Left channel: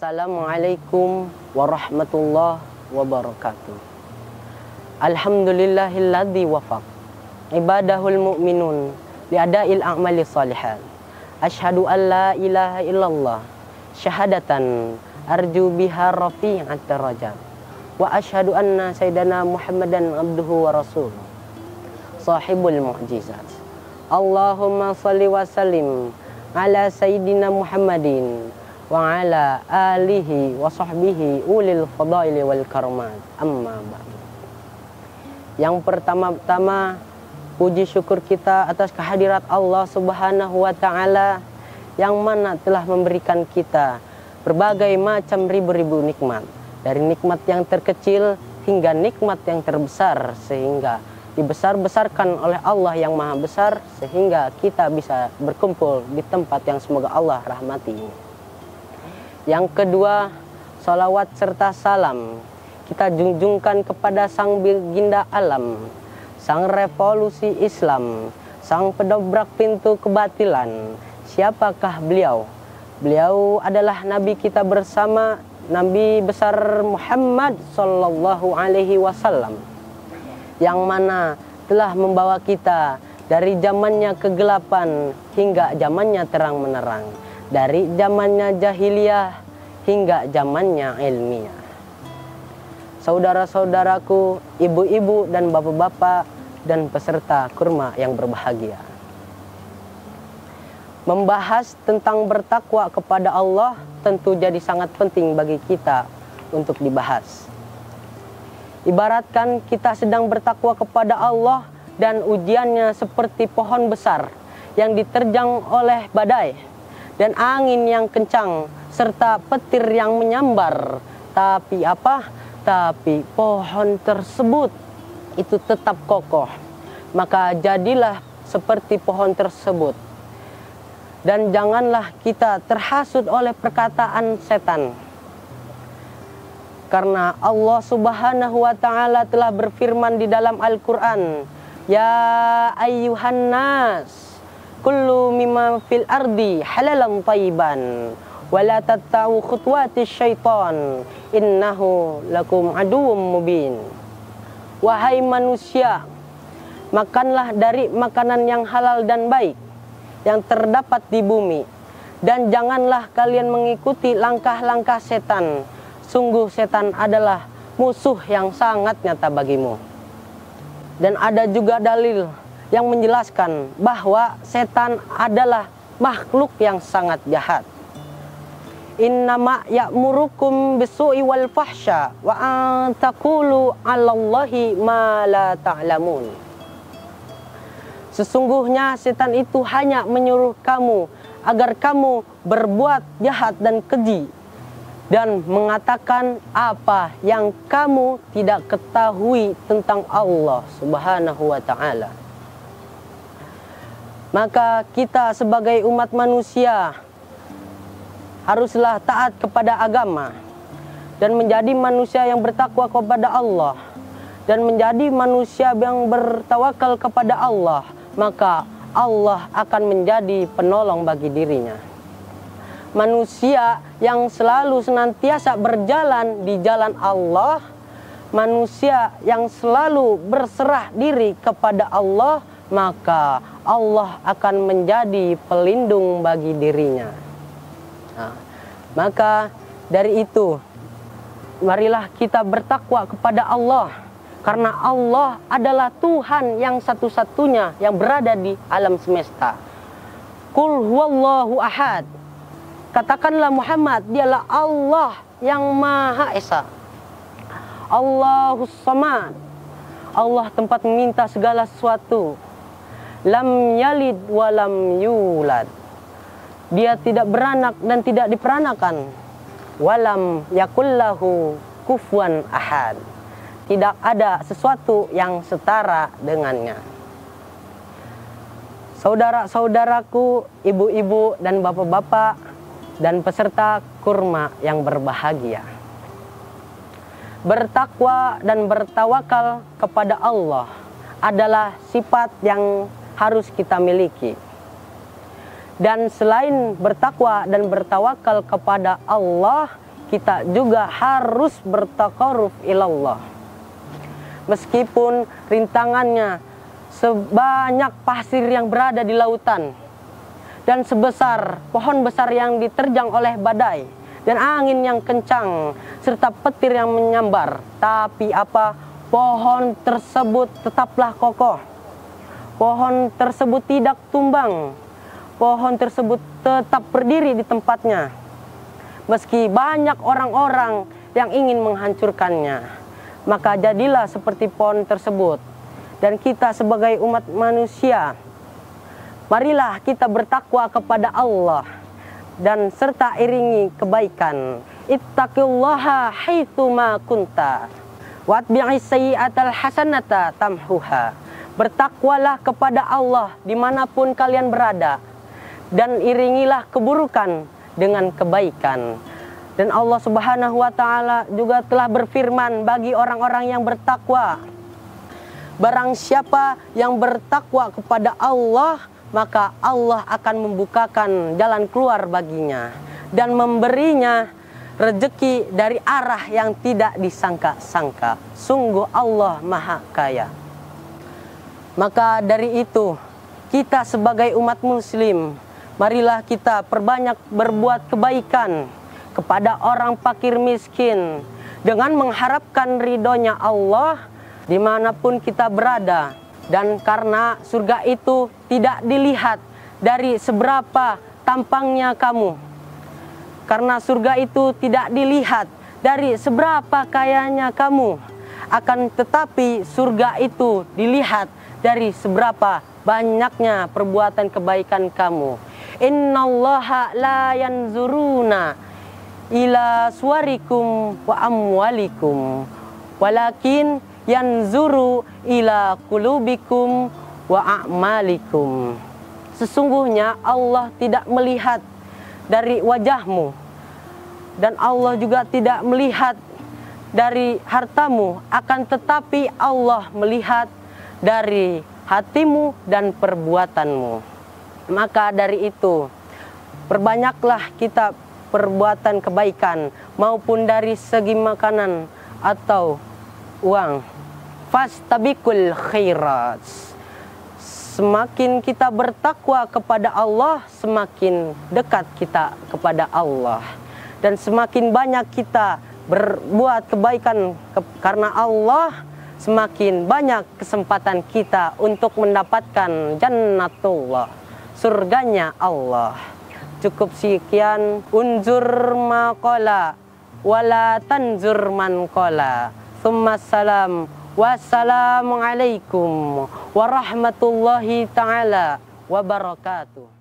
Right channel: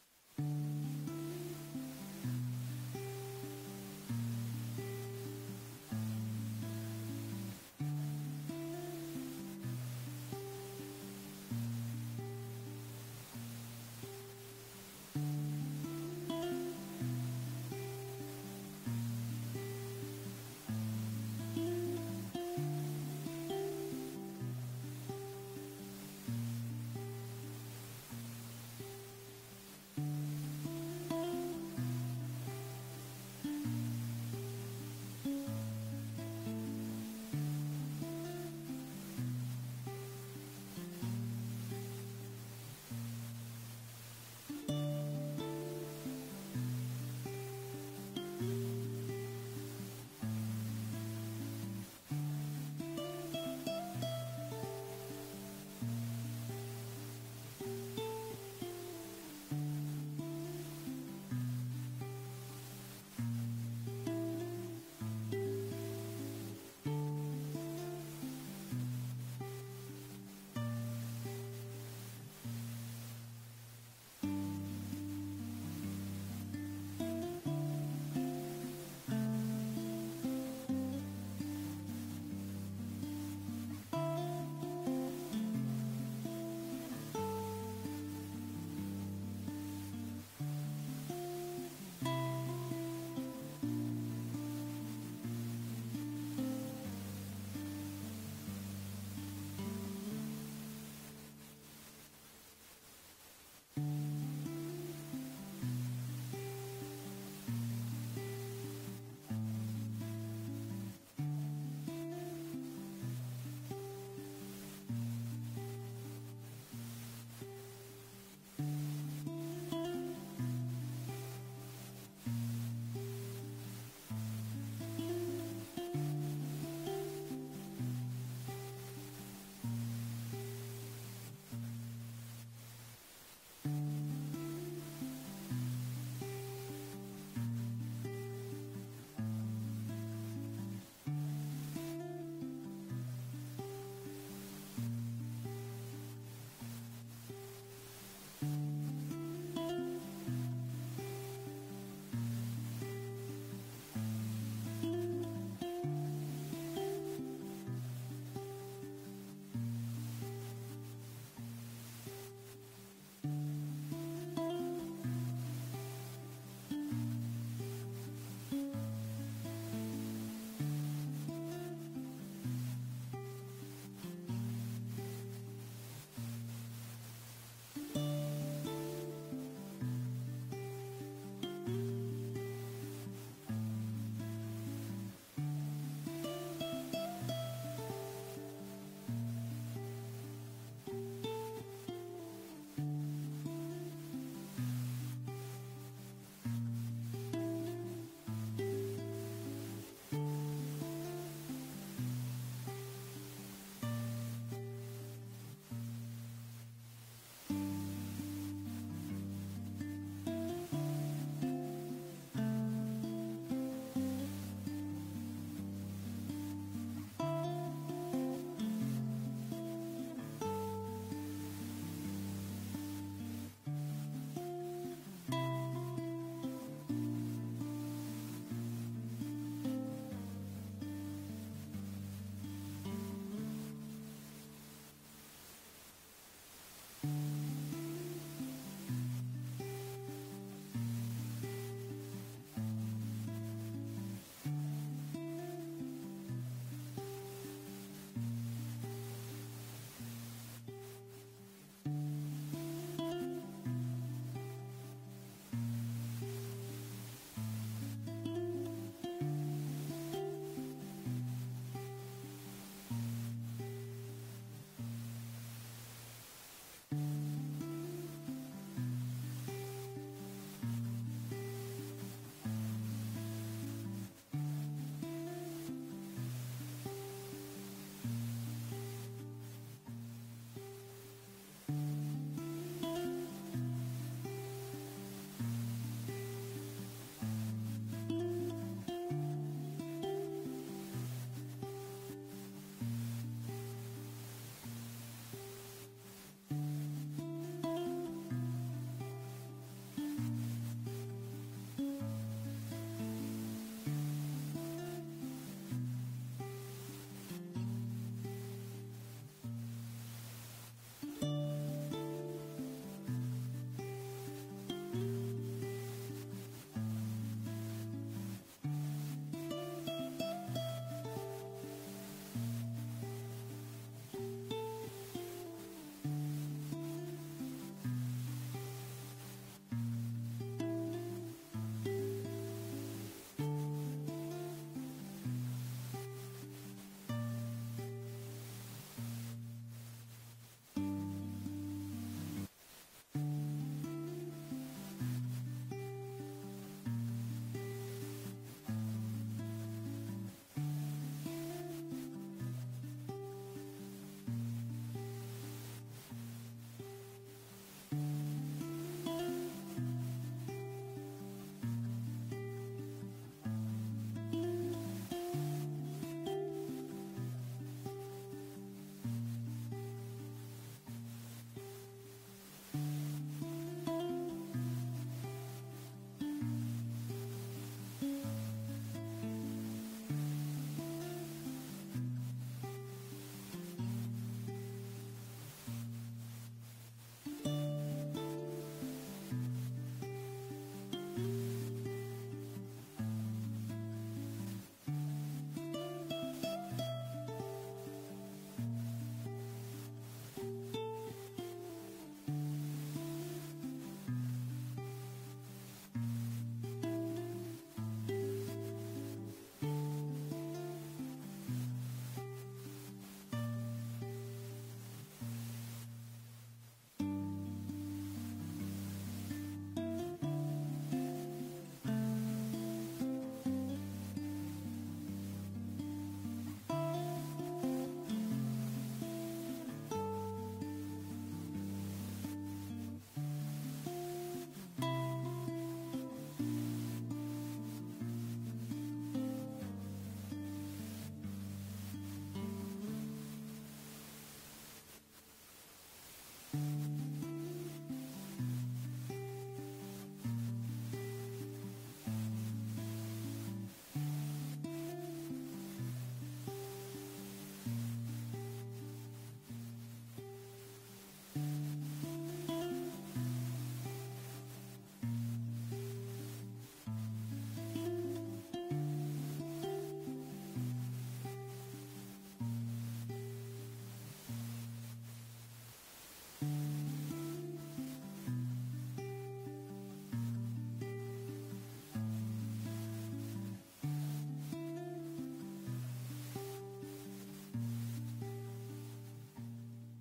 Assalamualaikum warahmatullahi wabarakatuh. Alhamdulillahilladzi wafaq ibadahul mu'minun liada'il a'mali salihat. Asyhadu an la ilaha illallah syahadatan arju biha rafi'at darajat. Wa asyhadu anna sayyidana Muhammadan abduhu wa rasuluh sahibul mu'jizat. Allahumma salli wa sallim ala sayyidina Muhammadin wa ala alihi wa sahbihi ulil fadaili wal karamat. Amma ba'd. Yang pertama-tama, puji syukur kita atas kehadirat Allah Subhanahu wa taala yang mana telah memberikan kita berbagai macam ribu-ribu nikmat, dari nikmat yang terkecil hingga nikmat yang terbesar, sehingga dibesar-besarkan oleh Allah yang maha besar sehingga kita bisa berkumpul di tempat yang semoga Allah rahmati. Yang kedua, salawat serta salam kita junjungkan kepada sang baginda alam, sang revolusi Islam, sang pedobrak pintu kebatilan. Siapakah beliau? Beliau adalah Nabi kita bersama, Nabi besar Muhammad Sallallahu Alaihi Wasallam, yang mana telah membawa kita dari zamannya kegelapan hingga zamannya terang menerang, dari zamannya jahiliyah hingga zamannya ilmiah. Saudara-saudaraku, ibu-ibu dan bapak-bapak dan peserta kurma yang berbahagia, membahas tentang bertakwa kepada Allah tentu jadi sangat penting bagi kita untuk dibahas. Ibaratkan kita sedang bertakwa kepada Allah dan ujiannya seperti pohon besar yang diterjang oleh badai dan angin yang kencang serta petir yang menyambar. Tapi apa? Tapi pohon tersebut itu tetap kokoh. Maka jadilah seperti pohon tersebut. Dan janganlah kita terhasut oleh perkataan setan. Karena Allah Subhanahu wa taala telah berfirman di dalam Al-Qur'an, "Ya ayyuhan nas, kullu mimma fil ardi halalan thayyiban, wa la tatta'u khutuwatis syaitan, innahu lakum aduwwum mubin." Wahai manusia, makanlah dari makanan yang halal dan baik yang terdapat di bumi, dan janganlah kalian mengikuti langkah-langkah setan. Sungguh setan adalah musuh yang sangat nyata bagimu. Dan ada juga dalil yang menjelaskan bahwa setan adalah makhluk yang sangat jahat. Innama ya'murukum bisu'i wal fahsya wa an taqulu 'alallahi ma la ta'lamun. Sesungguhnya setan itu hanya menyuruh kamu agar kamu berbuat jahat dan keji dan mengatakan apa yang kamu tidak ketahui tentang Allah Subhanahu wa taala. Maka kita sebagai umat manusia haruslah taat kepada agama dan menjadi manusia yang bertakwa kepada Allah dan menjadi manusia yang bertawakal kepada Allah, maka Allah akan menjadi penolong bagi dirinya. Manusia yang selalu senantiasa berjalan di jalan Allah, manusia yang selalu berserah diri kepada Allah, maka Allah akan menjadi pelindung bagi dirinya. Nah, maka dari itu, marilah kita bertakwa kepada Allah, karena Allah adalah Tuhan yang satu-satunya yang berada di alam semesta. Qul huwallahu ahad. Katakanlah Muhammad, dialah Allah yang Maha Esa. Allahus Samad. Allah tempat meminta segala sesuatu. Lam yalid wa lam yulad. Dia tidak beranak dan tidak diperanakan. Walam yakullahu kufuwan ahad. Tidak ada sesuatu yang setara dengannya. Saudara-saudaraku, ibu-ibu dan bapak-bapak dan peserta kurma yang berbahagia, bertakwa dan bertawakal kepada Allah adalah sifat yang harus kita miliki. Dan selain bertakwa dan bertawakal kepada Allah, kita juga harus bertaqarrub ilallah. Meskipun rintangannya sebanyak pasir yang berada di lautan, dan sebesar pohon besar yang diterjang oleh badai, dan angin yang kencang, serta petir yang menyambar. Tapi apa? Pohon tersebut tetaplah kokoh. Pohon tersebut tidak tumbang. Pohon tersebut tetap berdiri di tempatnya. Meski banyak orang-orang yang ingin menghancurkannya. Maka jadilah seperti pohon tersebut. Dan kita sebagai umat manusia, marilah kita bertakwa kepada Allah dan serta iringi kebaikan. Ittaqillaha haitsu ma kunta watbi'is sayyi'atal hasanata tamhuha. Bertakwalah kepada Allah dimanapun kalian berada, dan iringilah keburukan dengan kebaikan. Dan Allah Subhanahu wa Ta'ala juga telah berfirman bagi orang-orang yang bertakwa, barang siapa yang bertakwa kepada Allah, maka Allah akan membukakan jalan keluar baginya dan memberinya rezeki dari arah yang tidak disangka-sangka. Sungguh Allah Maha Kaya. Maka dari itu, kita sebagai umat muslim, marilah kita perbanyak berbuat kebaikan kepada orang fakir miskin dengan mengharapkan ridhonya Allah dimanapun kita berada. Dan karena surga itu tidak dilihat dari seberapa tampangnya kamu, karena surga itu tidak dilihat dari seberapa kayanya kamu, akan tetapi surga itu dilihat dari seberapa banyaknya perbuatan kebaikan kamu. Innallaha la yanzuruna ila suwarikum wa amwalikum, walakin yanzuru ila qulubikum wa a'malikum. Sesungguhnya Allah tidak melihat dari wajahmu, dan Allah juga tidak melihat dari hartamu, akan tetapi Allah melihat dari hatimu dan perbuatanmu. Maka dari itu, perbanyaklah kita perbuatan kebaikan, maupun dari segi makanan atau uang. Fastabiqul khairat. Semakin kita bertakwa kepada Allah, semakin dekat kita kepada Allah. Dan semakin banyak kita berbuat kebaikan karena Allah, semakin banyak kesempatan kita untuk mendapatkan jannatullah, surganya Allah. Cukup sekian. Unzur maqala wala tanzur man qala. Tsummassalam. Wassalamualaikum warahmatullahi ta'ala wabarakatuh.